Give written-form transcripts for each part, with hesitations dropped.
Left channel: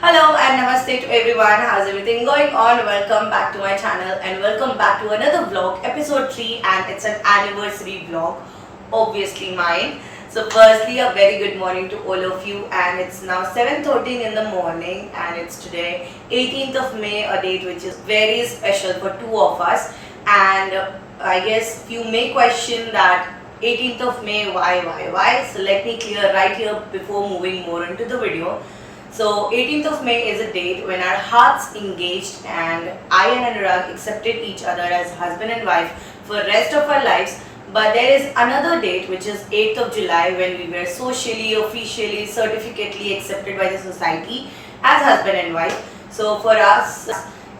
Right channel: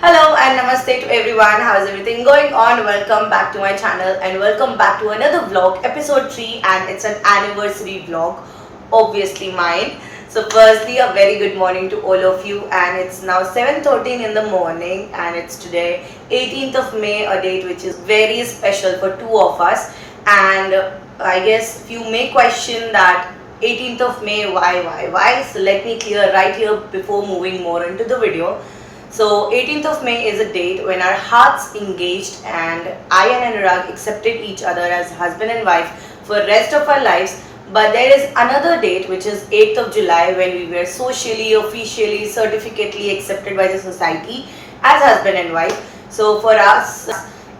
Hello and namaste to everyone. How is everything going on? Welcome back to my channel and welcome back to another vlog, episode 3, and it's an anniversary vlog, obviously mine. So firstly, a very good morning to all of you, and it's now 7:13 in the morning and it's today 18th of May, a date which is very special for two of us. And I guess you may question that 18th of May, why? So let me clear right here before moving more into the video. So 18th of May is a date when our hearts engaged and I and Anurag accepted each other as husband and wife for rest of our lives. But there is another date which is 8th of July when we were socially, officially, certificately accepted by the society as husband and wife. So for us,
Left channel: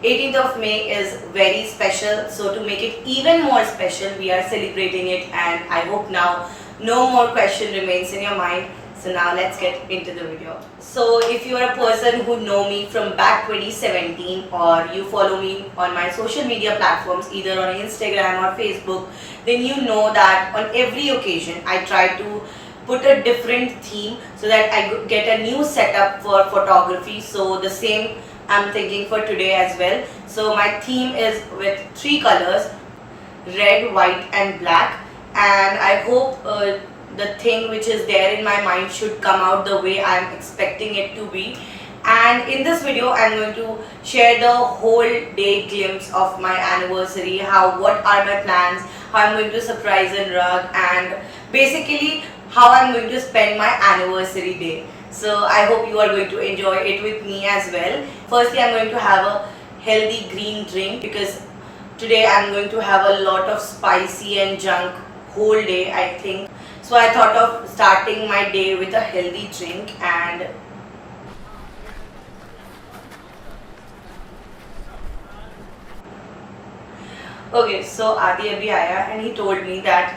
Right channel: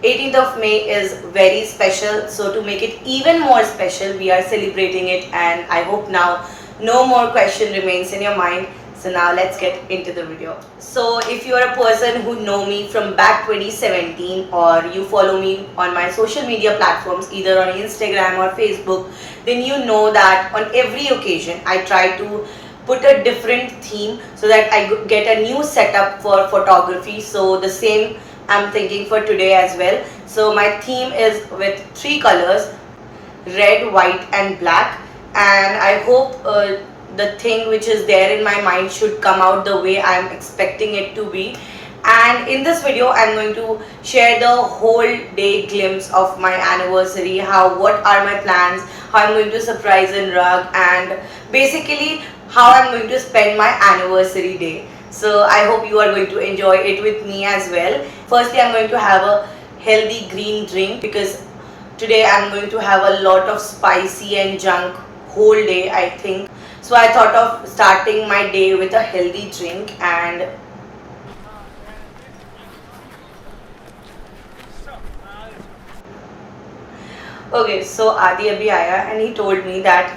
18th of May is very special. So to make it even more special, we are celebrating it, and I hope now no more question remains in your mind. So now let's get into the video. So if you're a person who know me from back 2017 or you follow me on my social media platforms either on Instagram or Facebook, then you know that on every occasion I try to put a different theme so that I get a new setup for photography. So the same I'm thinking for today as well. So my theme is with three colors: red, white and black, and I hope the thing which is there in my mind should come out the way I'm expecting it to be. And in this video I'm going to share the whole day glimpse of my anniversary, what are my plans, how I'm going to surprise Anurag, and basically how I'm going to spend my anniversary day. So I hope you are going to enjoy it with me as well. Firstly, I'm going to have a healthy green drink because today I'm going to have a lot of spicy and junk whole day, I think. So I thought of starting my day with a healthy drink. And okay, so Adi abhi aaya and he told me that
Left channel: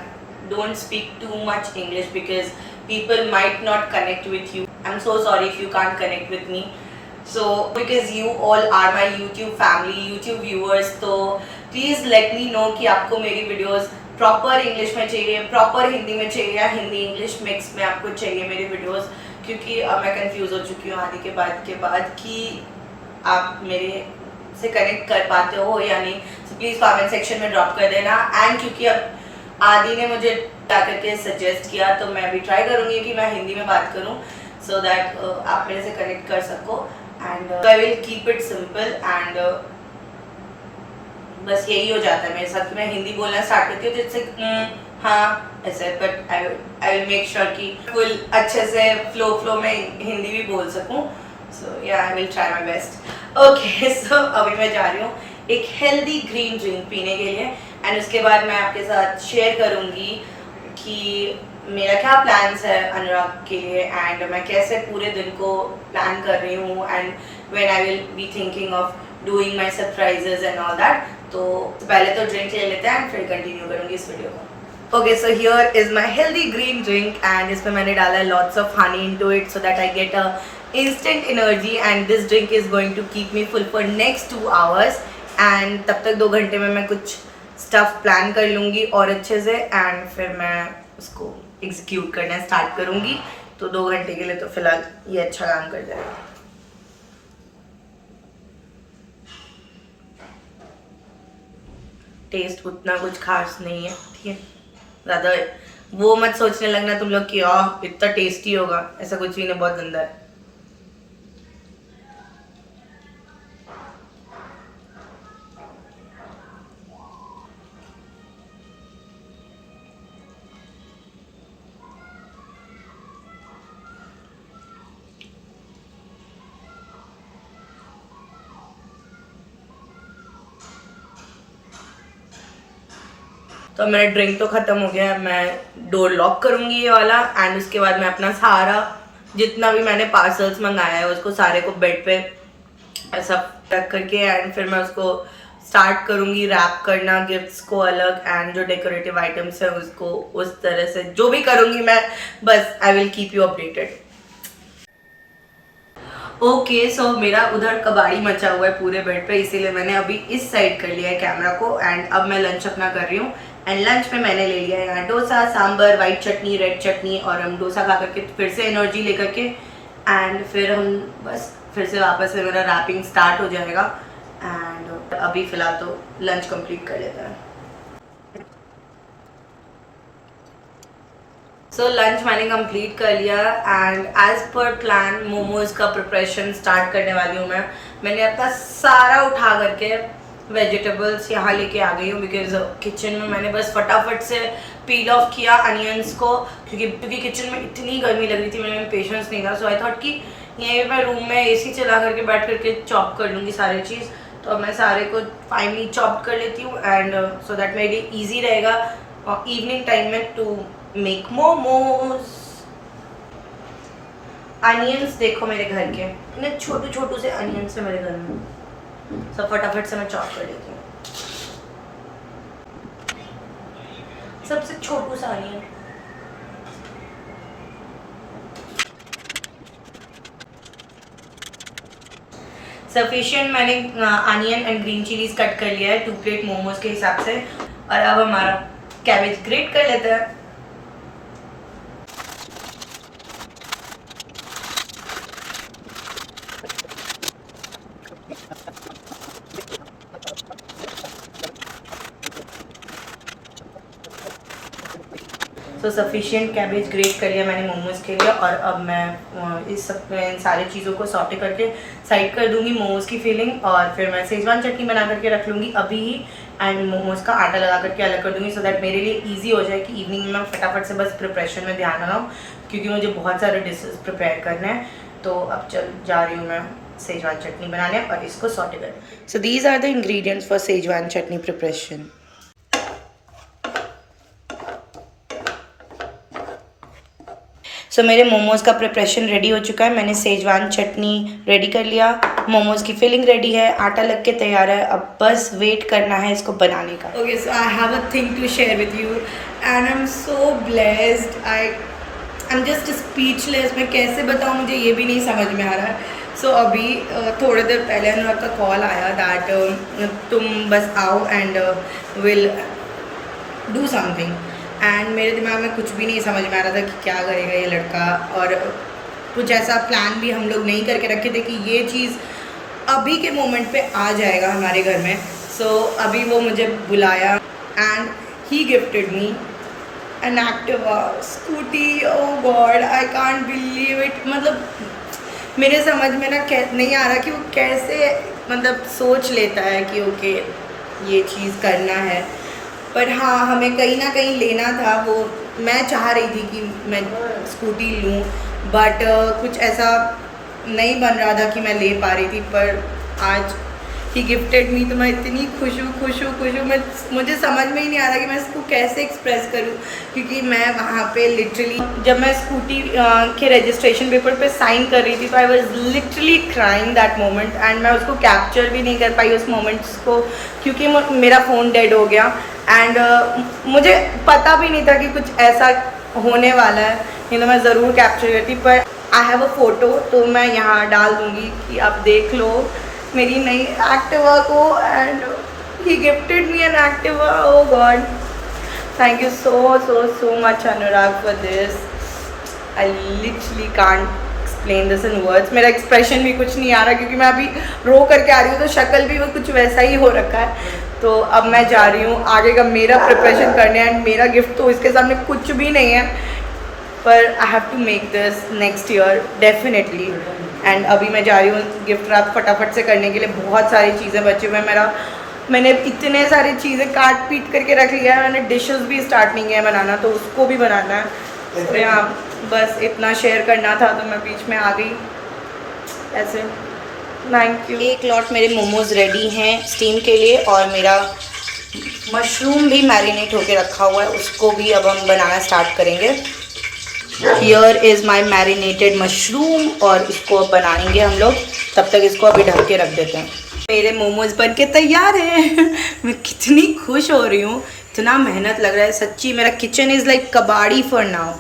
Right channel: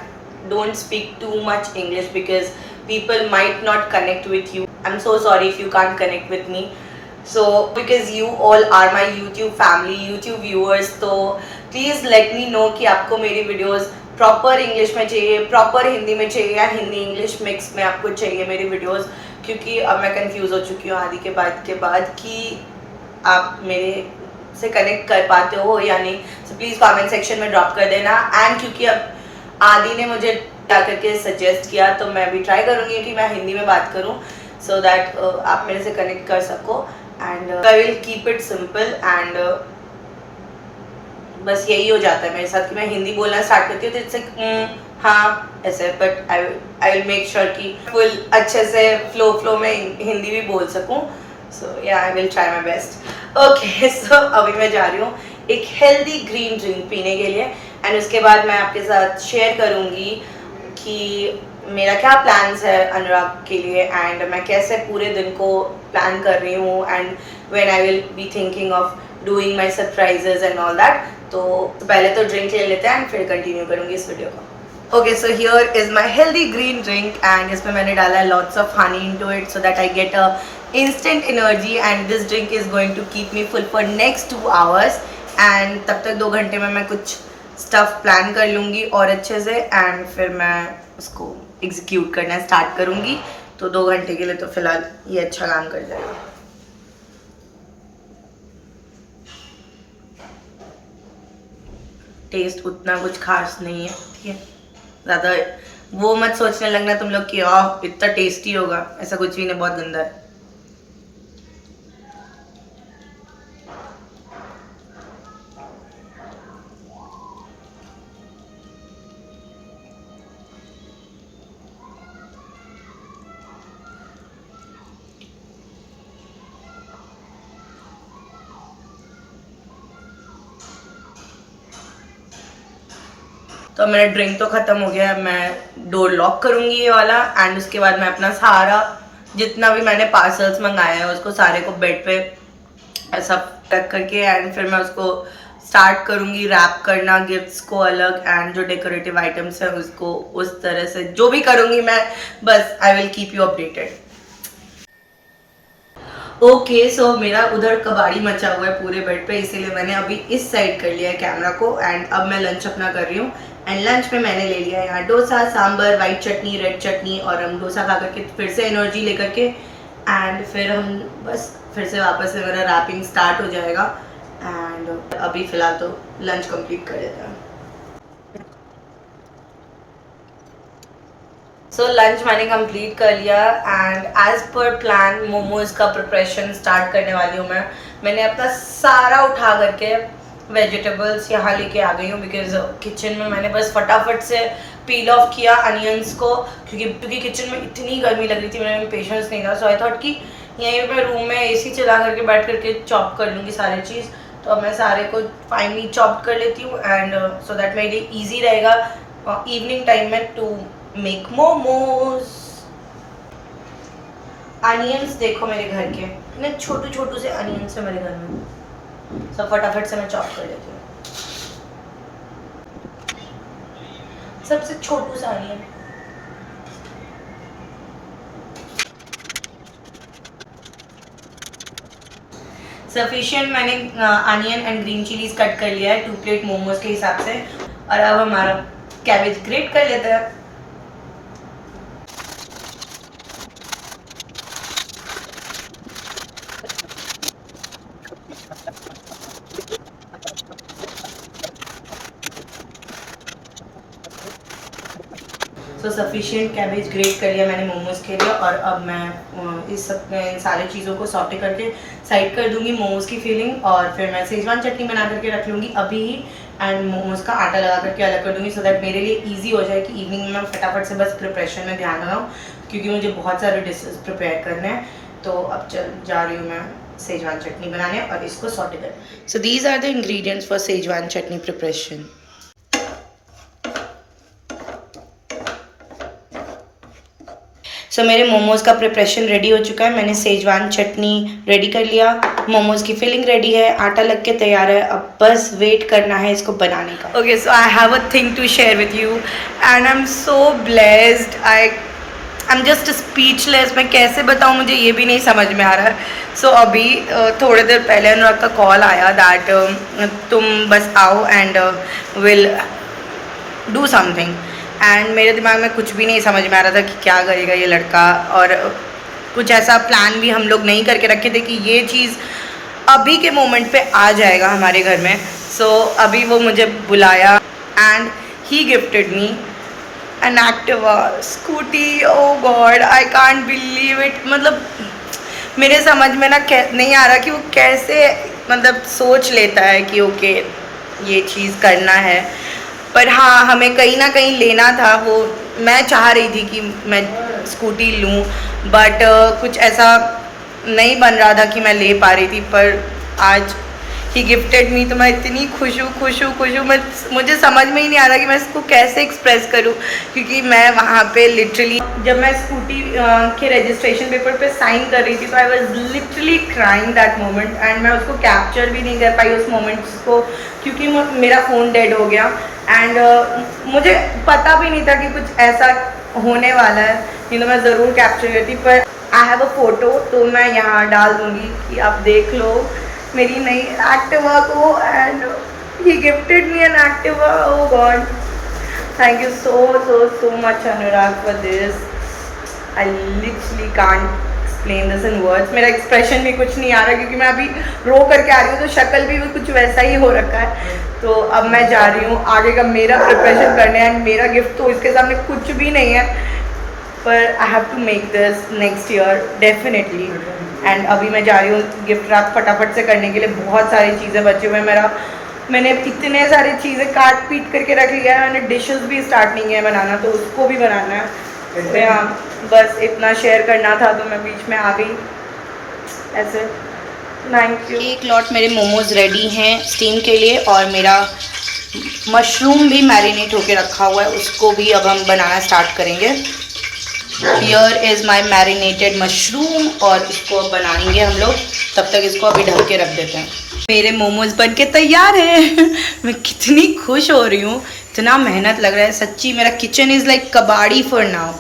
don't speak too much English because people might not connect with you. I'm so sorry if you can't connect with me. So because you all are my YouTube family, YouTube viewers, तो please let me know कि आपको मेरी videos proper English में चाहिए, proper Hindi में चाहिए या Hindi English mix में आपको चाहिए मेरी वीडियोस, क्योंकि अब मैं कंफ्यूज हो चुकी हूँ आदि के बाद कि आप मेरे से कनेक्ट कर पाते हो या नहीं. सो प्लीज़ कमेंट सेक्शन में ड्रॉप कर देना. एंड क्योंकि अब आदि ने मुझे क्या करके सजेस्ट किया तो मैं भी ट्राई करूँगी कि मैं हिंदी में बात करूँ सो दैट आप मेरे से कनेक्ट कर सको. And I will keep it simple and बस यही हो जाता है मेरे साथ कि मैं हिंदी बोलना स्टार्ट करती हूँ तो इट्स लाइक हाँ ऐसे. But I will make sure कि फुल अच्छे से फ्लो में हिंदी भी बोल सकूँ. So yeah I will try my best. Okay, so अभी मैं जा रही हूँ एक हेल्दी ग्रीन ड्रिंक पीने के लिए एंड उसके बाद मैं आपके साथ शेयर करूँगी कि मेरा क्या प्लान्स है अनुराग के लिए एंड मैं कैसे पूरे दिन को प्लान कर रही हूँ and when I will be thinking of doing my surprises and all that. तो पहले तो ड्रिंक ले लेते हैं एंड फिर कंटिन्यू करूँगी इस वीडियो को. Okay, so here is my healthy green drink and इसमें मैंने डाला है lots of honey into it so that I get a instant energy and this drink is going to keep me full for next 2 hours. and तब तक 2 घंटे में मैं कुछ stuff plan कर लूँगी और अच्छे से एंड फिर मैं उसको execute करना स्टार्ट करूँगी. तो 2 घंटे के लिए तो फिलहाल ये अच्छा काम कर जाएगा. टेस्ट उतना कुछ खास नहीं है, ठीक है. ज़्यादा वो मत सोचने लगना तुम लोग कि इतना टेस्टी होगा, ऐसा कुछ भी नहीं, बहुत गंदा है. तो मेरा ड्रिंक तो ख़त्म हो गया है. मैं डोर लॉक करूँगी ये वाला एंड उसके बाद मैं अपना सारा जितना भी मैंने पार्सल्स मंगाया है उसको सारे को बेड पे ऐसा रख करके एंड फिर मैं उसको स्टार्ट करूँगी रैप करना गिफ्ट्स को अलग एंड जो डेकोरेटिव आइटम्स हैं उसको उस तरह से जो भी करूँगी मैं. बस I will keep you updated. Okay, so मेरा उधर कबाड़ी मचा हुआ है पूरे बेड पे, इसीलिए मैंने अभी इस साइड कर लिया है कैमरा को एंड अब मैं लंच अपना कर रही हूँ. एंड लंच में मैंने ले लिया यहाँ डोसा, सांबर, वाइट चटनी, रेड चटनी और हम डोसा खा करके फिर से एनर्जी लेकर के एंड फिर हम बस फिर से वापस से मेरा रैपिंग स्टार्ट हो जाएगा। एंड अभी फ़िलहाल तो लंच कंप्लीट कर लेते हैं। सो लंच मैंने कंप्लीट कर लिया and as per plan momos का प्रिपरेशन स्टार्ट करने वाली हूँ मैं। मैंने अपना सारा उठा करके वेजिटेबल्स यहाँ लेके आ गई हूँ बिकॉज किचन में मैंने बस फटाफट से पील ऑफ किया अनियंस को, क्योंकि किचन में इतनी गर्मी लग रही थी, मेरे में पेशेंस नहीं था। सो आई थॉट कि यहीं मैं रूम में एसी चला करके बैठ करके चॉप कर लूँगी सारी चीज़। तो अब मैं सारे को फाइनली चॉप कर लेती हूँ एंड सो दैट मेरे लिए ईजी रहेगा इवनिंग टाइम में टू मेक मोमोज। अनियंस देखो मेरे घर के, इतने छोटू छोटू से अनियंस है मेरे घर में। सब फटाफट से मैं चॉप कर लेती हूँ। सबसे छोटू सा अनियन। सफिशिएंट मैंने onion and green chillies cut कर लिया है 2 प्लेट मोमोज के हिसाब से। और अब हमारा कैबेज ग्रेट कर लेते हैं। सो सफिशिएंट कैबेज ग्रेट कर लिया मैंने मोमोज़ के लिए। और अब मैं इस सब में सारी चीज़ों को सॉटे करके साइड कर दूंगी मोमोज़ की फिलिंग। और फिर मैं सेजवान चटनी बना करके रख लूँगी अभी ही एंड मोमोज़ का आटा लगा करके अलग कर दूँगी, सो दैट मेरे लिए ईजी हो जाए कि इवनिंग में मैं फटाफट से बस प्रिपरेशन में ध्यान लगाऊँ, क्योंकि मुझे बहुत सारे डिशेज प्रिपेयर करने हैं। तो अब जा रही हूँ मैं सेजवान चटनी बनाने और इसको सॉटे कर। So these are the ingredients for Schezwan chutney preparation. So मेरे मोमोज़ का प्रिपरेशन रेडी हो चुका है। मैंने सेजवान चटनी रेडी कर लिया, मोमोज़ की फिलिंग रेडी है, आटा लग के तैयार है। अब बस वेट करना है इसको बनाने का। Okay, so I have a thing to share with you and I am so blessed. I am just speechless. मैं कैसे बताऊँ, मुझे ये भी नहीं समझ में आ रहा है। सो अभी थोड़ी देर पहले अनुराग का कॉल आया दैट तुम बस आओ and will do something. And मेरे दिमाग में कुछ भी नहीं समझ में आ रहा था कि क्या करेगा ये लड़का, और कुछ ऐसा प्लान भी हम लोग नहीं करके रखे थे कि ये चीज़ अभी के मोमेंट पे आ जाएगा हमारे घर में। सो अभी वो मुझे बुलाया and he gifted me an Activa scooty. Oh God, I can't believe it. मतलब मेरे समझ में ना नहीं आ रहा कि वो कैसे मतलब सोच लेता है कि ओके ये चीज़ करना है। पर हाँ, हमें कहीं ना कहीं लेना था। वो मैं चाह रही थी कि मैं स्कूटी लूँ, बट कुछ ऐसा नहीं बन रहा था कि मैं ले पा रही थी। पर आज ही गिफ्टेड मी, तो मैं इतनी खुश हूँ। मुझे समझ में ही नहीं आ रहा कि मैं इसको कैसे एक्सप्रेस करूँ, क्योंकि मैं वहाँ पे लिटरली जब मैं स्कूटी के रजिस्ट्रेशन पेपर पे साइन कर रही थी तो I was literally crying that moment. And मैं उसको कैप्चर भी नहीं कर पाई उस मोमेंट्स को, क्योंकि मेरा फ़ोन डेड हो गया। एंड मुझे पता भी नहीं था कि कुछ ऐसा होने वाला है, नहीं तो मैं ज़रूर कैप्चर करती। पर आई हैव अ फ़ोटो, तो मैं यहाँ डाल दूँगी कि आप देख लो मेरी नई एक्टिवा को। And he gifted me an Activa. Oh God, thank you so much Anurag for this. I literally can't explain this in words. मेरा एक्सप्रेशन भी कुछ नहीं आ रहा, क्योंकि मैं अभी रो करके आ रही हूँ तो शक्ल भी वो कुछ वैसा ही हो रखा है। तो अब मैं जा रही हूँ आगे का मेरा प्रिपरेशन करने। एंड मेरा गिफ्ट तो इसके सामने कुछ भी नहीं है, पर I have to make this next year definitely. And अभी मैं जा रही हूँ गिफ्ट रैप फटाफट से करने के लिए। बहुत सारी चीज़ें बचे हुए हैं। मैंने इतने सारी चीज़ें काट पीट करके रख लिया है। मैंने डिशेस भी स्टार्ट नहीं किया बनाना, तो उसको भी बनाना है। तो यहाँ बस इतना शेयर करना था, तो मैं बीच में आ गई ऐसे। Thank you. एक लॉट मेरे मोमोज़ रेडी हैं स्टीम के लिए, और मेरा मशरूम भी मैरिनेट होके रखा हुआ है, उसको भी अब हम बनाना स्टार्ट करेंगे। Here is my marinated mushroom, और इसको अब बनाएंगे हम लोग। तब तक इसको अभी ढक के रख देते हैं। मेरे मोमोज़ बन के तैयार है। मैं कितनी खुश हो रही हूँ, इतना मेहनत लग रहा है सच्ची। मेरा किचन इज़ लाइक कबाड़ी फॉर नाउ।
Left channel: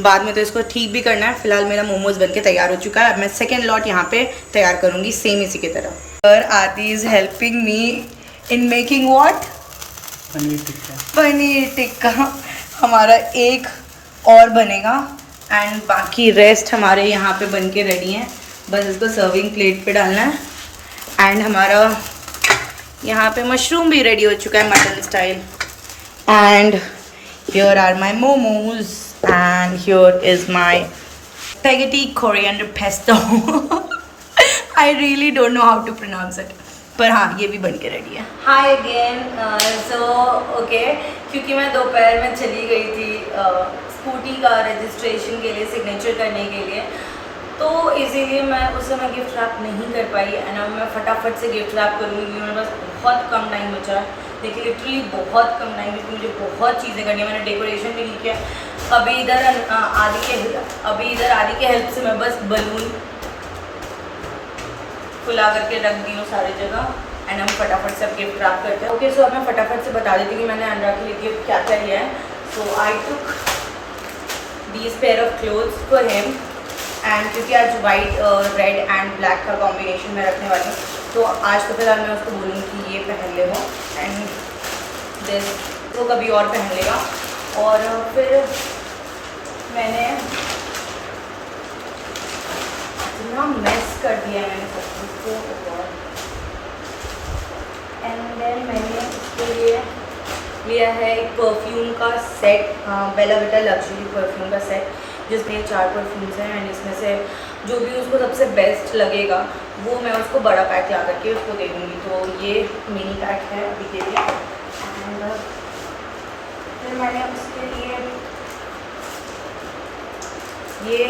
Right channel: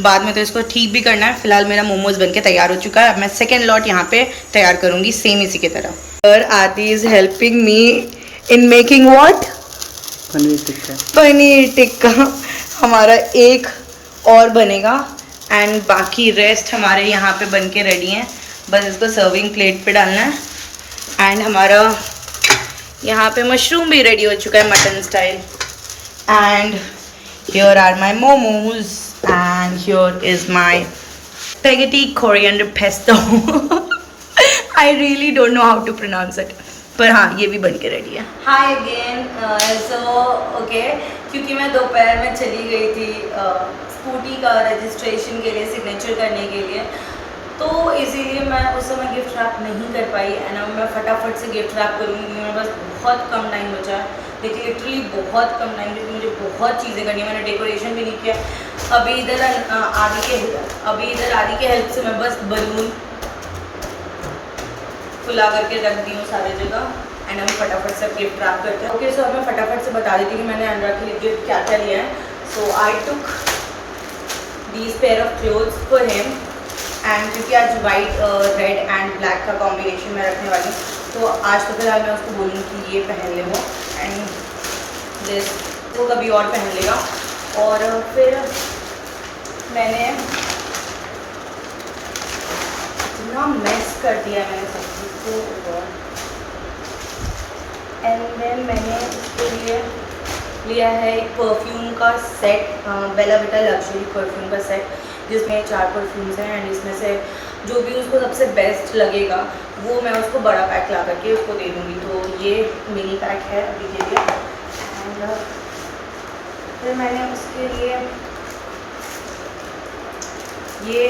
बाद में तो इसको ठीक भी करना है। फिलहाल मेरा मोमोज़ बन के तैयार हो चुका है। अब मैं सेकेंड लॉट यहाँ पे तैयार करूँगी सेम इसी की तरह। पर आती is helping me in making what? Paneer tikka. हमारा एक और बनेगा एंड बाकी रेस्ट हमारे यहाँ पे बन के रेडी हैं, बस इसको सर्विंग प्लेट पे डालना है। एंड हमारा यहाँ पे मशरूम भी रेडी हो चुका है mutton style. And here are my momos and here is my spaghetti coriander pesto. I really don't know how to pronounce it, पर हाँ ये भी बन के रेडी है। हाय अगेन। सो ओके, क्योंकि मैं दोपहर में चली गई थी स्कूटी का रजिस्ट्रेशन के लिए, सिग्नेचर करने के लिए, तो इसीलिए मैं उस समय गिफ्ट रैप नहीं कर पाई। एंड अब मैं फटाफट से गिफ्ट रैप करूँगी, क्योंकि मेरे पास बहुत कम टाइम बचा है। देखिए लिटरली बहुत कम टाइम, क्योंकि मुझे बहुत चीज़ें करनी है। मैंने डेकोरेशन भी नहीं किया। अभी इधर आदि के हेल्प से मैं बस बलून फुला करके रख दी हूँ सारी जगह। एंड हम फटाफट से अब गिफ्ट रैप करते हैं। ओके, सो अब मैं फटाफट से बता देती हूँ कि मैंने अनुराग के लिए गिफ्ट क्या क्या लिया है। So I took these pair of clothes for him. And क्योंकि आज वाइट रेड एंड ब्लैक का कॉम्बिनेशन मैं रखने वाली हूँ, तो आज तो फिलहाल मैं उसको बोलूँगी कि ये पहन ले वो, एंड दिस वो कभी और पहन लेगा। और फिर मैंने इतना मेस कर दिया है मैंने सब कुछ को। एंड देन मैंने उसके लिए लिया है एक परफ्यूम का सेट, बेला विटा लग्जरी परफ्यूम का सेट, जिसमें 4 परफ्यूम्स हैं। एंड इसमें से जो भी उसको सबसे बेस्ट लगेगा वो मैं उसको बड़ा पैक ला करके उसको दे दूँगी। तो ये मिनी पैक है अभी के लिए। एंड फिर मैंने उसके लिए ये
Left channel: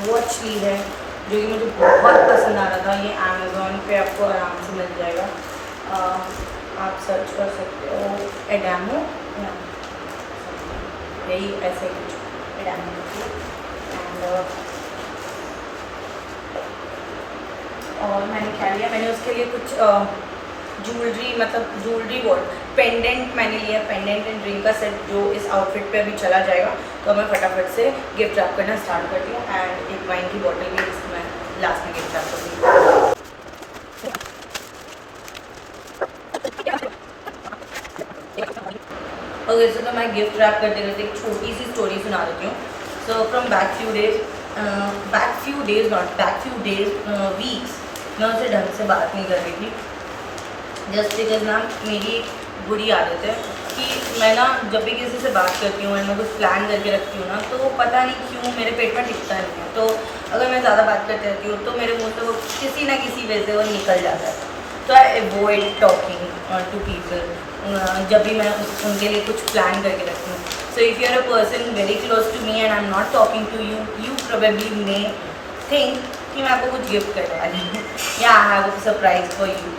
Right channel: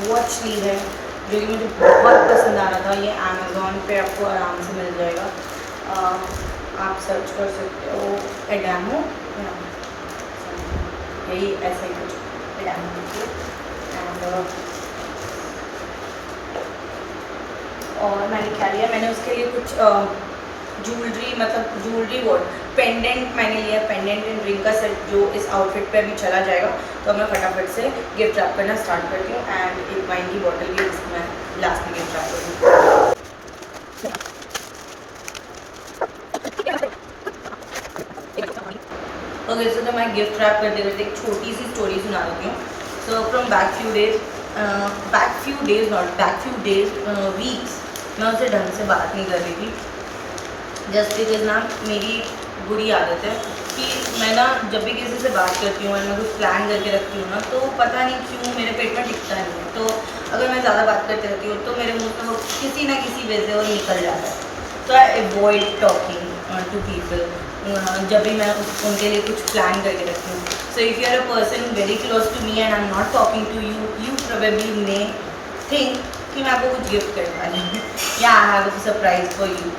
वॉच ली है, जो कि मुझे बहुत पसंद आ रहा था। ये अमेज़ॉन पे आपको आराम से मिल जाएगा, आप सर्च कर सकते हो एडामो, यही ऐसा ही कुछ एडामो होती है। एंड और मैंने क्या लिया, मैंने उसके लिए कुछ ज्वेलरी, मतलब ज्वेलरी वॉट पेंडेंट मैंने लिया, पेंडेंट एंड रिंग का सेट, जो इस आउटफिट पे अभी चला जाएगा। तो मैं फटाफट से गिफ्ट रैप करना स्टार्ट करती हूँ। एंड एक वाइन की बॉटल भी इसको मैं लास्ट में गिफ्ट रैप करती हूँ। ओके, सो तो मैं गिफ्ट रैप करते करते एक छोटी सी स्टोरी सुना देती हूँ। So from back few days weeks मैं उससे ढंग से बात नहीं कर रही थी, जस्ट बिकॉज ना मेरी बुरी आदत है कि मैं ना जब भी किसी से बात करती हूँ और मैं कुछ प्लान करके रखती हूँ ना, तो पता नहीं क्यों मेरे पेट में टिकता नहीं है। तो अगर मैं ज़्यादा बात करती रहती हूँ तो मेरे मुँह से वो किसी ना किसी वजह से वो निकल जाता है। तो I avoid talking to people जब भी मैं उनके लिए कुछ प्लान करके रखती हूँ। So if you are a person very close to me and I am not talking to you, you probably may think कि मैं आपको कुछ गिफ्ट करने वाली हूँ या I have a surprise for you.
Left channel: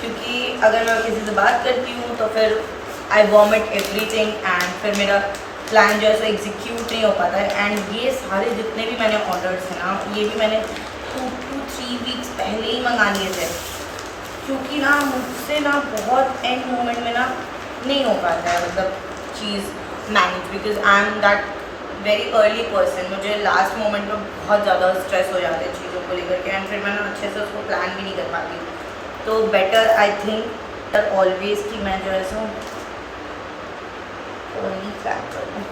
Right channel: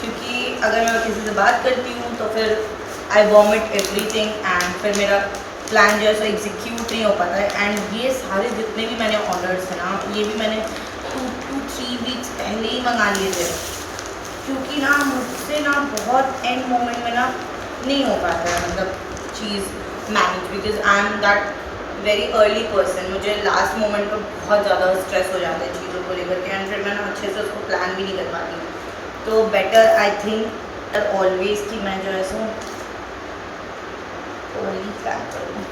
क्योंकि अगर मैं किसी से बात करती हूँ तो फिर आई वॉमिट एवरीथिंग एंड फिर मेरा प्लान जो है सो एग्जीक्यूट नहीं हो पाता है। एंड ये सारे जितने भी मैंने ऑर्डर्स हैं ना, ये भी मैंने 2 to 3 वीक्स पहले ही मंगा लिए थे, क्योंकि ना मुझसे ना बहुत एंड मोमेंट में ना नहीं हो पाता है, मतलब चीज़ manage, because I am that very early person. मुझे लास्ट मोमेंट में बहुत ज़्यादा स्ट्रेस हो जाता है चीज़ों को लेकर के, एंड फिर मैं ना अच्छे से उसको प्लान भी नहीं कर पाती हूँ। तो बेटर आई थिंक ऑलवेज कि मैं जो है सो अर्ली प्लान करूँ।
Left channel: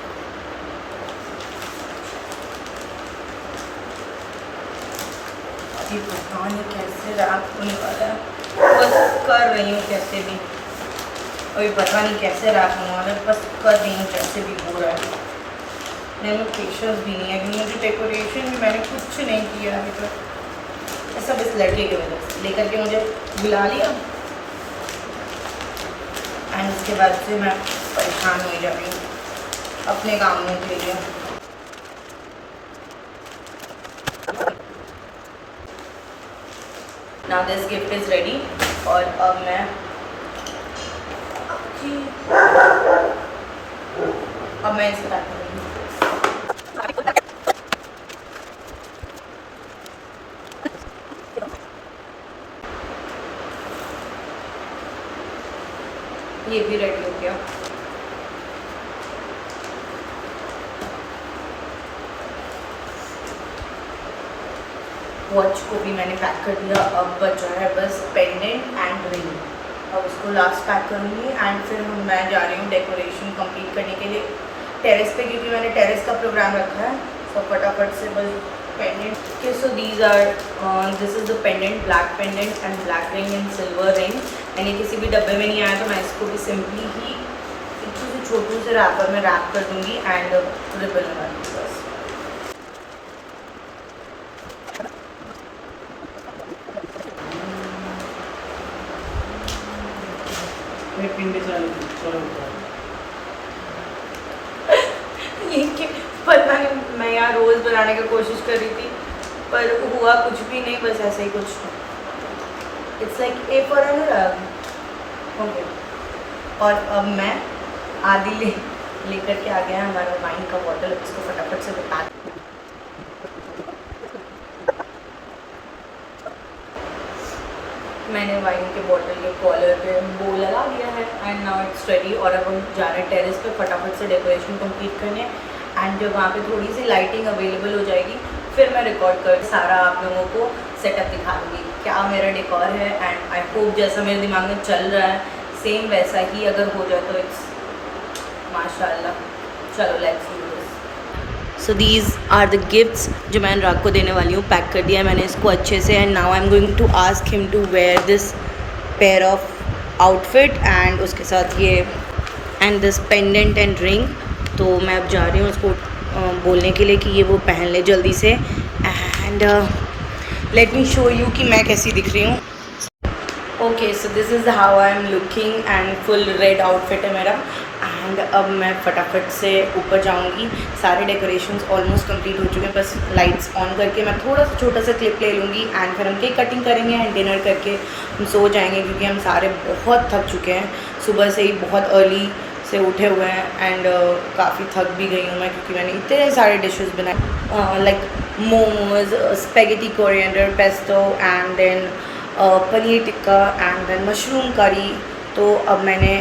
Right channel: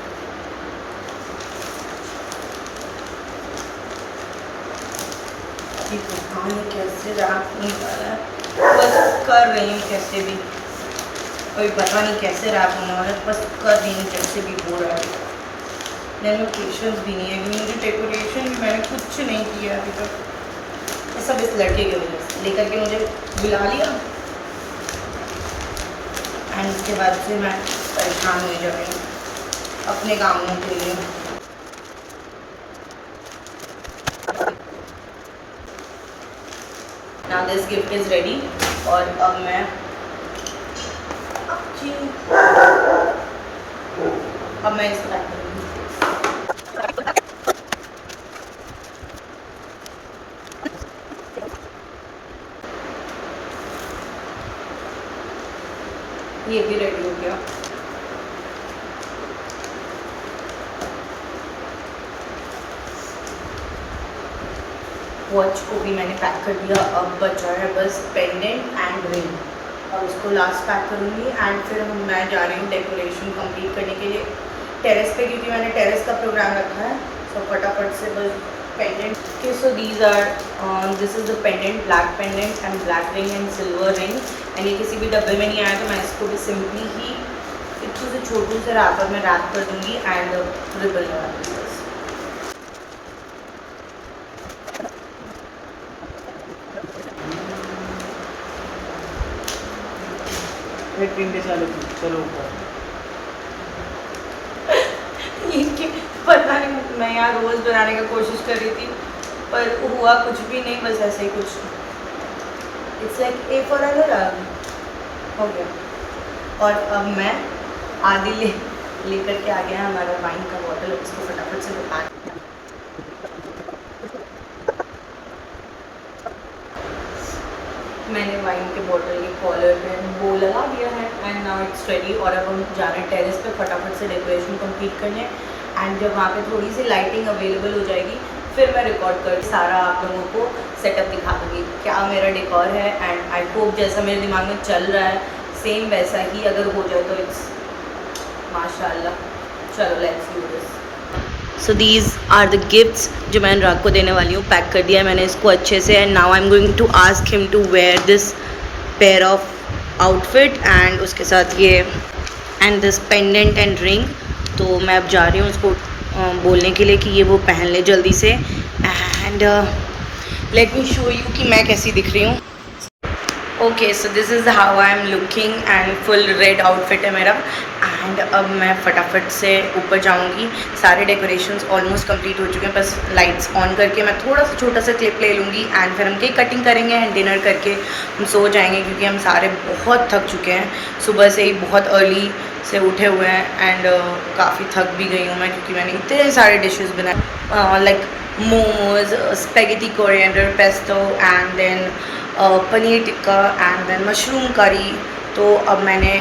अभी पता नहीं कैसे रैप होने वाला है, बस कर रही हूँ कैसे भी। अभी पता नहीं कैसे रैप होने वाला है, बस कर रही हूँ कैसे भी हो रहा है। मेरे में पेशेंस भी नहीं है, क्योंकि मुझे डेकोरेशन भी मैंने कुछ नहीं किया अभी तक। सब इस लड़के की वजह से लेकर के मुझे बुला लिया, एंड उसके बाद से मैं परेशान हो जा रही हूँ अपने कामों के लिए। Now this gift is ready, और अब मैं इसको पैक करूँगी। ये भी रेडी हो गया। वॉच को भी मैंने पैक कर दिया, अब बचा है बस पेंडेंट एंड रिंग, और उसको लास्ट पैक करूँगी। एंड फिर मैं जा रही हूँ डेकोरेशन कंप्लीट करने के लिए। टेरेस पे, क्योंकि मैंने टेरेस का प्रोग्राम रखा है। सो फटाफट से बस पेंडेंट के, so these are, this is the pendant, black pendant and black ring and silver ring. And ये किसी भी डब्बे में नहीं आया, तो मैं इसको भी सिंपली ही एक से छोटू से रैपर में रैप कर दूँगी एंड रिबन लगा दूँगी बस। ये पता नहीं, मैं यहाँ रोज़ बनाने की कोशिश कर रही थी पर हुआ कुछ भी नहीं, बस ऐसे ही कुछ। इट्स लाइक ए फॉर अनुराग हो गया। और अब मैं आदि लेकर के आ गया है हमारा वाइन का बॉटल। इसको फटाफट से पैक, मैंने वाइन के बॉटल के कॉलर पे बो लगा दिया है एंड नाउ इट्स रेडी। और अब हम जा रहे हैं टेरेस पे फटाफट से डेकोरेशन कंप्लीट करने। एंड जब वहाँ पे थोड़ी सी लाइटिंग अवेलेबल हो जाएगी फिर मैं रिकॉर्ड कर सारा आप लोगों को सेटअप दिखा दूँगी क्या मेरा डेकोर है। एंड आई होप जैसा मेरे दिमाग में चल रहा है सेम वैसा ही अगर हो जाए तो इट्स माशाल्लाह। चलो let's do this. So these are the gifts जो मैं अनुराग को देने वाली हूँ। पैक कर दिया है मैंने इसको अच्छे से। And now I am going to ask him to wear this pair of outfit and उसके साथ ये and this pendant and ring. तो मैं अब जा रही हूँ उसको बोलने के लिए कि ये वो पहन ले जल्दी से। And let me show you कि मैं कैसी दिख रही हूँ। Okay, so this is how I am looking and full red outfit है मेरा। एंड अब मैं फटाफट से ऊपर जाऊंगी। सारे डेकोरेशंस ऑलमोस्ट कंप्लीट हो चुके हैं, बस लाइट्स ऑन करके मैं थोड़ा सा छोटा सा क्लिप ले लूँगी एंड फिर हम केक कटिंग करेंगे एंड डिनर करके हम सो जाएंगे, क्योंकि हम सारे बहुत थक चुके हैं। सुबह से ही बहुत अर्ली से उठे हुए हैं एंड काफ़ी थक भी गई हूँ मैं, क्योंकि मैंने इतने सारे डिशेस बनाए like momos, spaghetti coriander pesto and then paneer tikka and then mushroom curry. तो अब मैंने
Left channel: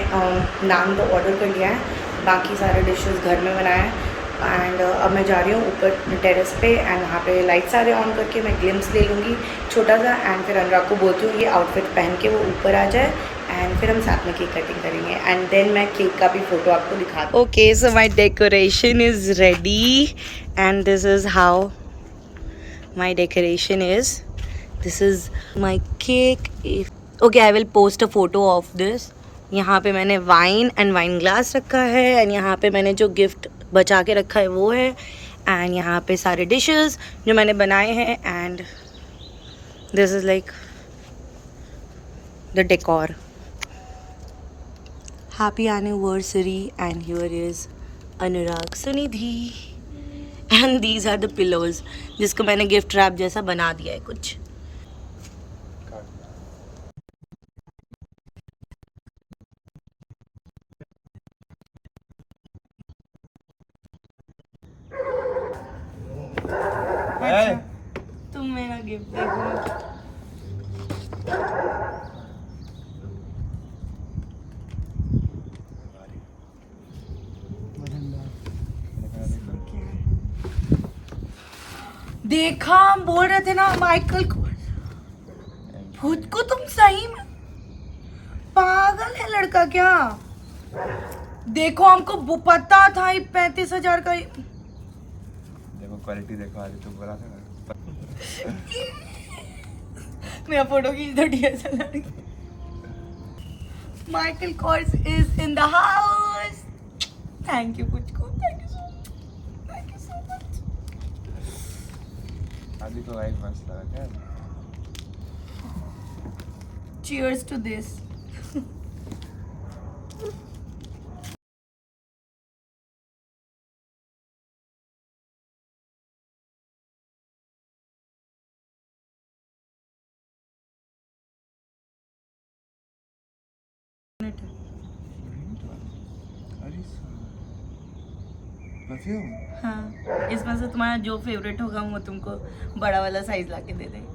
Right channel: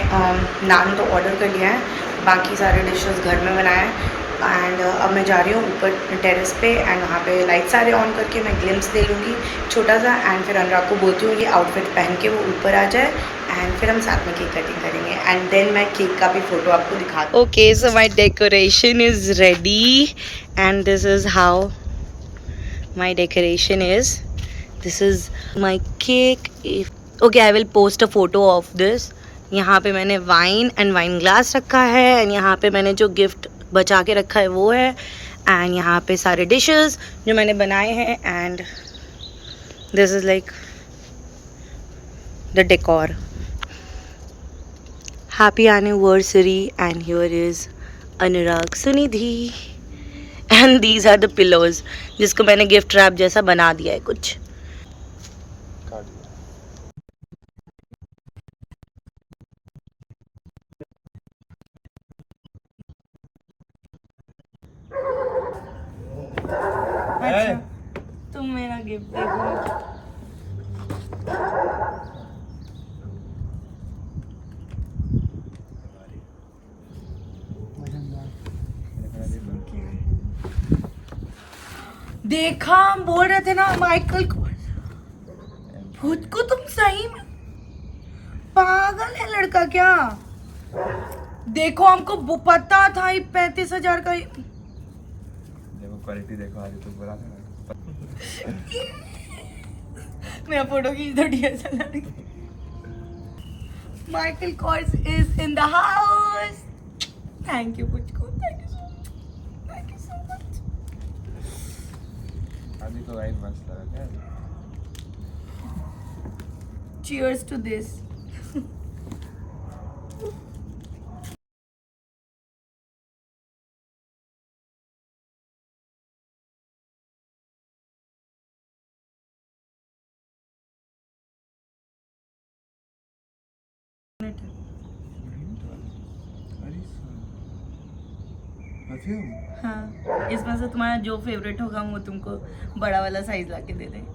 नान तो ऑर्डर कर लिया है, बाकी सारे डिशेस घर में बनाए हैं। एंड अब मैं जा रही हूँ ऊपर टेरेस पे एंड वहाँ पे लाइट सारे ऑन करके मैं ग्लिम्स ले लूँगी छोटा सा। एंड फिर अनुराग को बोलती हूँ ये आउटफिट पहन के वो ऊपर आ जाए एंड फिर हम साथ में केक कटिंग करेंगे एंड देन मैं केक का भी फ़ोटो आपको दिखा दूँ। Okay, so my decoration is ready and this is how my decoration is. This is my cake. Okay, I will post a photo of this. यहाँ पे मैंने वाइन एंड वाइन ग्लास रखा है एंड यहाँ पे मैंने जो गिफ्ट बचा के रखा है वो है। एंड यहाँ पे सारे डिशेस जो मैंने बनाए हैं and this is like the decor. Happy anniversary and here is Anurag Sunidhi and these are the pillows जिसको मैंने गिफ्ट रैप जैसा बना दिया है कुछ। अच्छा, तुम मेरा गिफ्ट देखो। देखा, हम बोल रहे थे ना माइकल को, खुद को तुम सही में पागल है लड़का क्या। देखो हमको पता था ये 35,000 का। देखो क्वालिटी देखो, आज तो बोला था ना। मेरा फोटो खींच दो DSLR। Michael Kors is in the house. Thank you Puchku, thank you so much, thank you so much. अभी तो वाइन मस्त लगा क्या। Cheers to this. परफ्यूम। हाँ, इसमें से तुम्हारा जो फेवरेट होगा वो तुमको बड़ा वाला साइज लाके दे देंगे।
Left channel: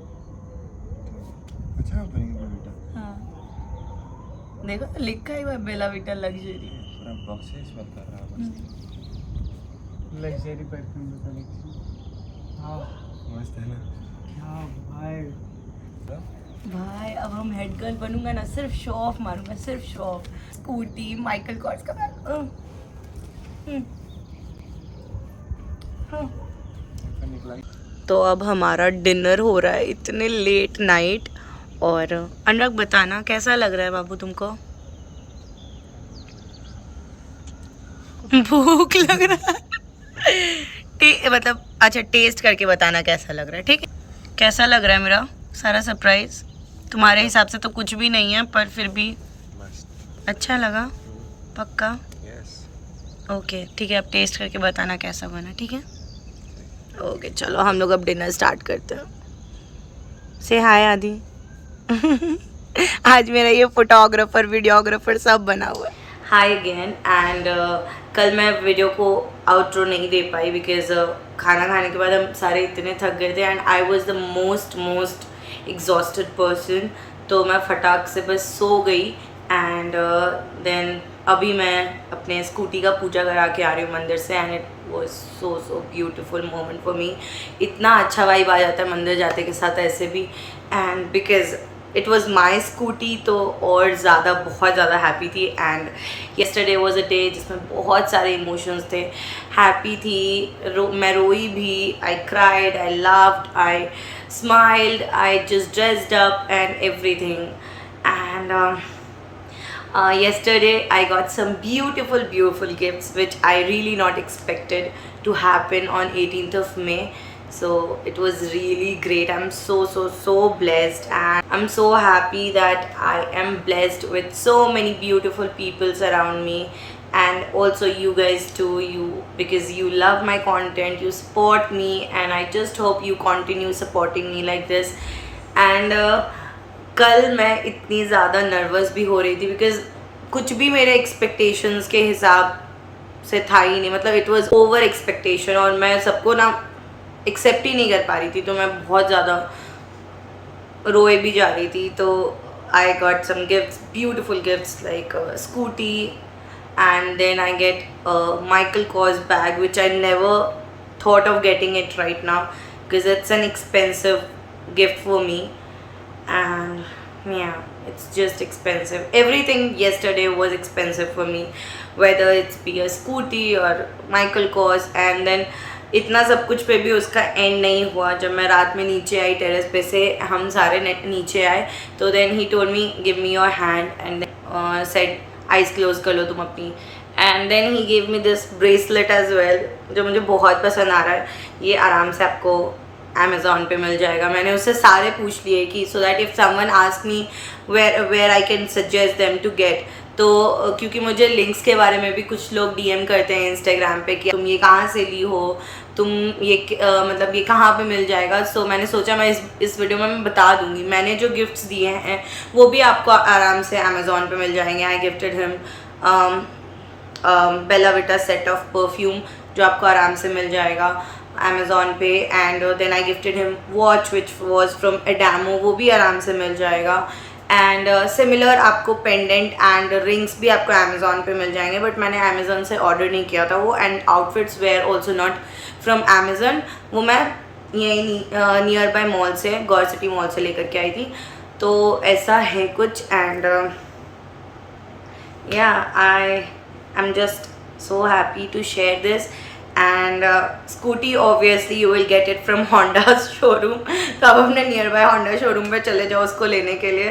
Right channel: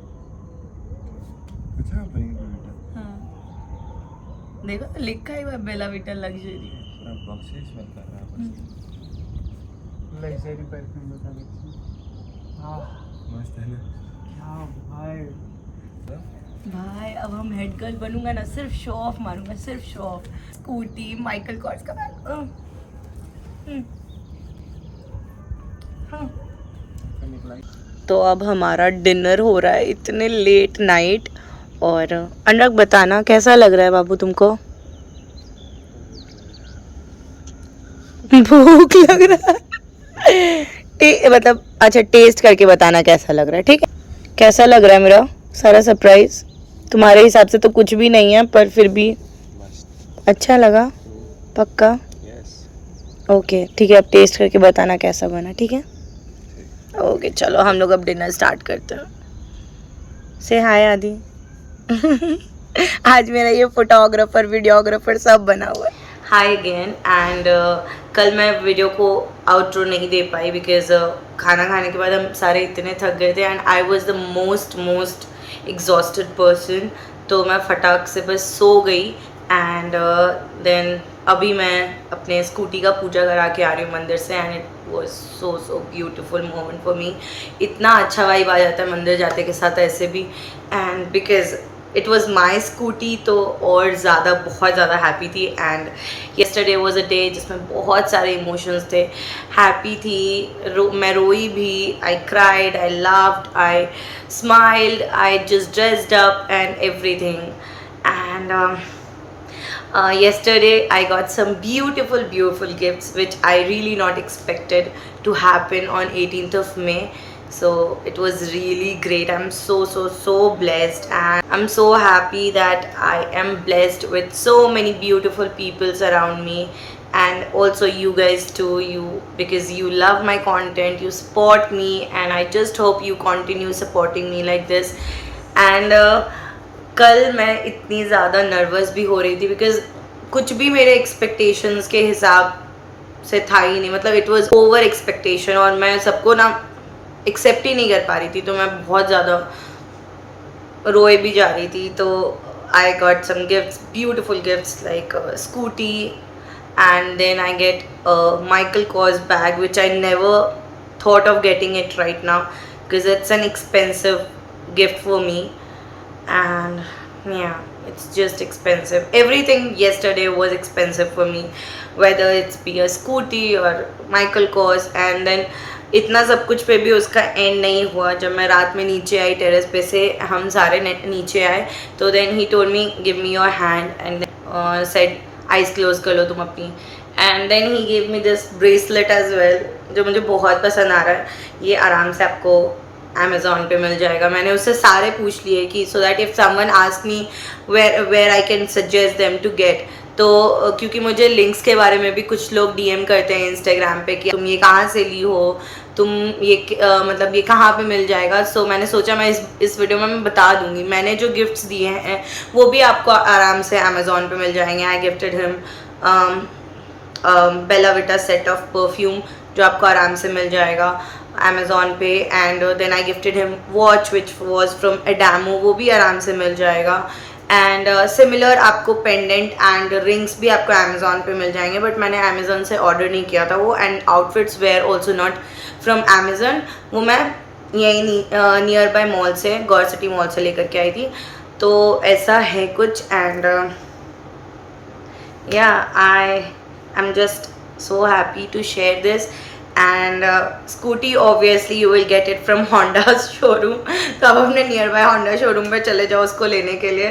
अच्छा बनेगा बेटा। हाँ, देखो लिखा ही हुआ बेला विटा लग्जरी। पूरा बॉक्स से स्मेल कर रहा है। लग्जरी परफ्यूम बता लेते। हाँ मस्त है ना। क्या भाई। भाई अब हम हेड गर्ल बनूंगा ना, सिर्फ शो ऑफ मारूंगा, सिर्फ show off. Scooty, Michael Kors का बैग। निकला तो अब हमारा डिनर हो रहा है इतने लेट नाइट। और अनुराग बताना कैसा लग रहा है बाबू तुमको? भूख लग रहा है मतलब अच्छा टेस्ट करके बताना कैसा लग रहा है, ठीक है? कैसा लग रहा है मेरा सारा सरप्राइज? तुम्हारे हिसाब से तो कुछ भी नहीं है पर फिर भी मस्त। अच्छा लगा? पक्का? यस। ओके ठीक है, अब टेस्ट करके बताना कैसा बना, ठीक है? ओके चलो हम लोग अब डिनर स्टार्ट करते हैं। से हाय आदि। आज मेरा ये फोटोग्राफर वीडियोग्राफर सब बना हुआ है। हाय अगेन एंड कल मैं वीडियो को आउटरो नहीं दे पाई बिकॉज खाना खाने के बाद हम सारे इतने थक गए थे and I was the most exhausted person. तो मैं फटाक से बस सो गई एंड देन अभी मैं अपने स्कूटी का पूजा करा के आ रही हूँ मंदिर से and it was so beautiful moment for me. इतना अच्छा वाइब आ जाता है मंदिर जाते के साथ ऐसे भी and because it was my scooty तो और ज़्यादा बहुत ज़्यादा हैप्पी थी। And yesterday was a day जिसमें बहुत सारे इमोशंस थे। हैप्पी थी, मैं रोई भी, I cried, I laughed, I smiled, I just dressed up and everything. And yesterday I got some beautiful gifts which I really not expected to happen on 18th of May. So it was really great. I'm so blessed and I'm so happy that I am blessed with so many beautiful peoples around me and also you guys too, because you love my content, you support me and I just hope you continue supporting me like this. And कल मैं इतनी ज़्यादा nervous भी हो रही थी because कुछ भी मेरे एक्सपेक्टेशंस के हिसाब से था ही नहीं। मतलब इट वाज ओवर एक्सपेक्टेशन और मैं सबको ना एक्सेप्ट ही नहीं कर पा रही थी। तो मैं बहुत ज़्यादा रोए भी जा रही थी। तो I got some gifts, beautiful gifts like scooty and then I get a Michael Kors bag which I never thought of getting it right now because it's an expensive gift for me. And yeah, it's just expensive. Everything yesterday was expensive for me, whether it's be a scooty or Michael Kors. And then इतना सब कुछ पे भी उसका and नहीं हुआ। जब मैं रात में नीचे आई टेरेस पे से हम सारे नीचे आए तो then he told me give me your hand and said eyes close कर लो तुम अपनी। And then he give me this bracelet as well जो मुझे बहुत पसंद आ रहा है। ये आराम से आपको अमेज़ॉन पे मिल जाएगा। मैंने उससे सारे पूछ लिए कि so that if someone ask me where I can suggest them to get. तो क्योंकि मुझे लिंक्स के बारे में भी कुछ लोग डीएम करते हैं इंस्टाग्राम पे कि तुम ये कहाँ से ली हो, तुम ये मतलब ये कहाँ पे मिल जाएगा। सो मैंने सोचा मैं इस वीडियो में मैं बता दूँगी। मैंने जो गिफ्ट्स दिए हैं वो भी आपको आराम से अमेज़ॉन पे मिल जाएंगे। I gifted him Bella Vita set of perfume जो आपको आराम से मिल जाएगा अमेज़ॉन पे। And then I gifted him watch which was from Adamo, वो भी आराम से मिल जाएगा। एंड सिमिलर आपको पेंडेंट एंड रिंग्स भी आपको अमेज़ॉन पे मिल जाएंगे बट मैंने अमेज़ॉन से ऑर्डर नहीं किया था वो। And outfits were also not from Amazon, वो मैं यहीं नियर बाय मॉल से, गौर सिटी मॉल से लेकर के आई थी। तो ऐसा है कुछ। एंड या I am just so happy to share this. And scooty obviously you will get it from Honda showroom. तो अब अपने नियर बाय होंडा शोरूम पे चले जाओ उसको लेने के लिए।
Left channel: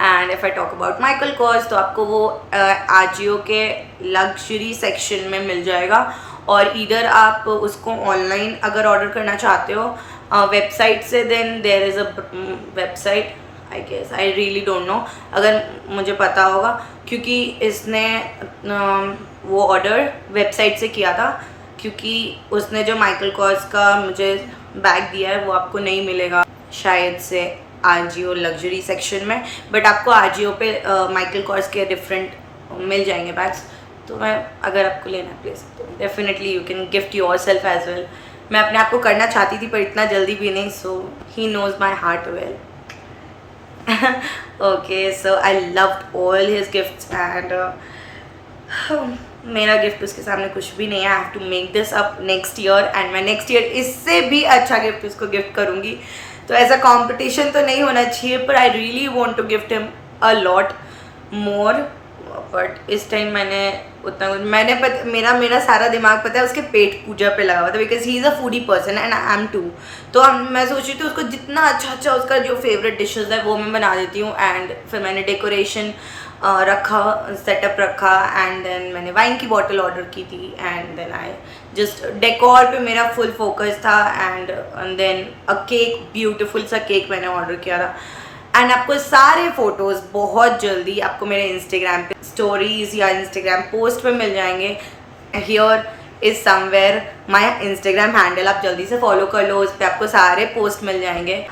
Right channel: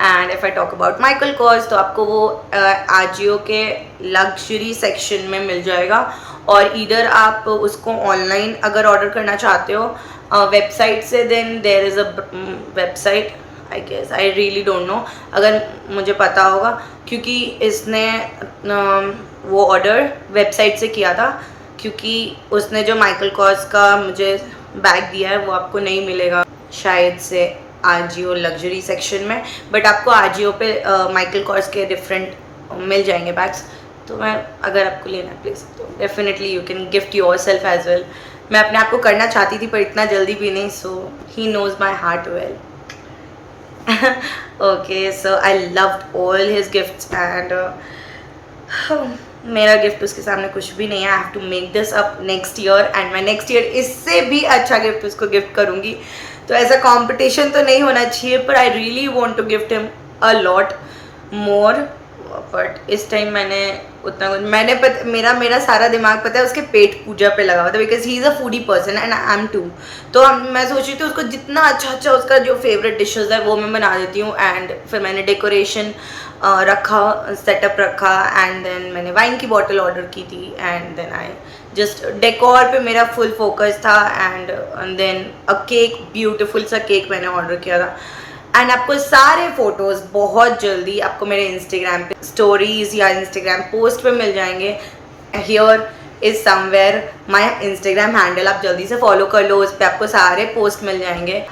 And if I talk about Michael Kors तो आपको वो आजियो के लग्जरी सेक्शन में मिल जाएगा और इधर आप उसको ऑनलाइन अगर ऑर्डर करना चाहते हो वेबसाइट से, then there is a website I guess, I really don't know, अगर मुझे पता होगा क्योंकि इसने वो ऑर्डर वेबसाइट से किया था क्योंकि उसने जो माइकल कॉर्स का मुझे बैग दिया है वो आपको नहीं मिलेगा शायद से आजियो लग्जरी सेक्शन में, बट आपको आजियो पे माइकल कॉर्स के डिफरेंट मिल जाएंगे बैग्स। तो मैं अगर आपको लेना है ले सकते हो। Definitely you can gift yourself as well. मैं अपने आप को करना चाहती थी पर इतना जल्दी भी नहीं। So he knows my heart well. Okay so I loved all his gifts and मेरा गिफ्ट उसके सामने कुछ भी नहीं है। I have to make this up next year and मैं नेक्स्ट ईयर इससे भी अच्छा गिफ्ट उसको गिफ्ट करूँगी। तो ऐसा कंपटीशन तो नहीं होना चाहिए पर I really want to gift him a lot more. But इस टाइम मैंने उतना कुछ मैंने मेरा सारा दिमाग पता है उसके पेट पूजा पे लगा हुआ था, because he is a foodie person and I am too. तो मैं सोच रही थी उसको जितना अच्छा उसका जो फेवरेट डिशेस है वो मैं बना देती हूँ। एंड फिर मैंने डेकोरेशन रखा, सेटअप रखा, एंड देन मैंने वाइन की बॉटल ऑर्डर की थी, and then I just decor पे मेरा फुल फोकस था। And then a cake, beautiful सा केक मैंने ऑर्डर किया था। एंड आपको सारे फोटोज़ बहुत जल्दी आपको मेरे इंस्टाग्राम पे स्टोरीज़ या इंस्टाग्राम पोस्ट पे मिल जाएंगे। Here is somewhere my Instagram handle, आप जल्दी से फॉलो कर लो, उस पर आपको सारे पोस्ट मिल जाएंगे।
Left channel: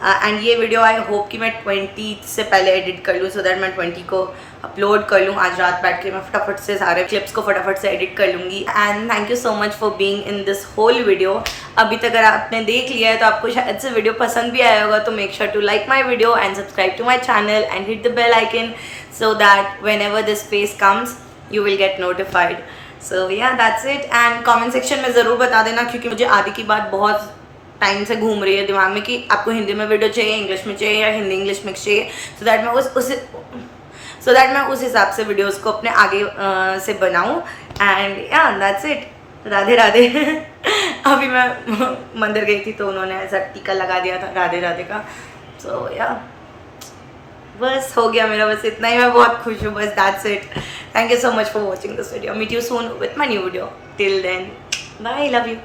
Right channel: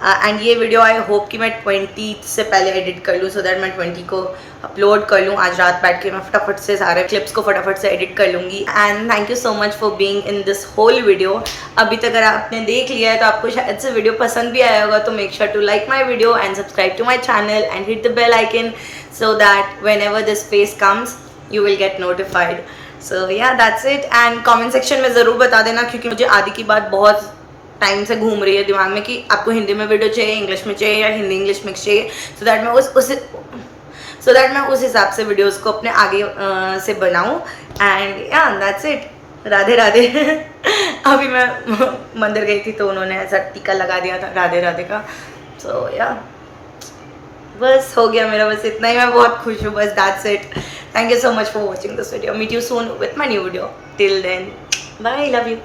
एंड ये वीडियो आई होप कि मैं 20 से पहले एडिट कर लूँ, सो दैट मैं 20 को अपलोड कर लूँ। आज रात बैठ के मैं फटाफट से सारे क्लिप्स को फटाफट से एडिट कर लूँगी। And thank you so much for being in this whole video. अभी तक अगर आपने देख लिया है तो आपको शायद से वीडियो पसंद भी आया होगा, तो make sure to like my video and subscribe to my channel and hit the bell icon so that whenever this face comes you will get notified. So yeah that's it. And comment section में ज़रूर बता देना, क्योंकि मुझे आदि की बात बहुत टाइम से घूम रही है दिमाग में कि आपको हिंदी में वीडियो चाहिए, इंग्लिश में चाहिए, या हिंदी इंग्लिश मिक्स चाहिए, सो दैट मैं उस हिसाब से वीडियोस को अपने आगे से बनाऊं। एंड या दैट्स इट। राधे राधे। अभी मैं मंदिर गई थी तो उन्होंने ऐसा टीका लगा दिया था राधे राधे का। सो या बस हो गया मेरा, बस इतना ही। मैं बहुत खुश हूँ, बस that's it. Thank you so much for watching this video. Meet you soon with my new video. Till then bye, love you.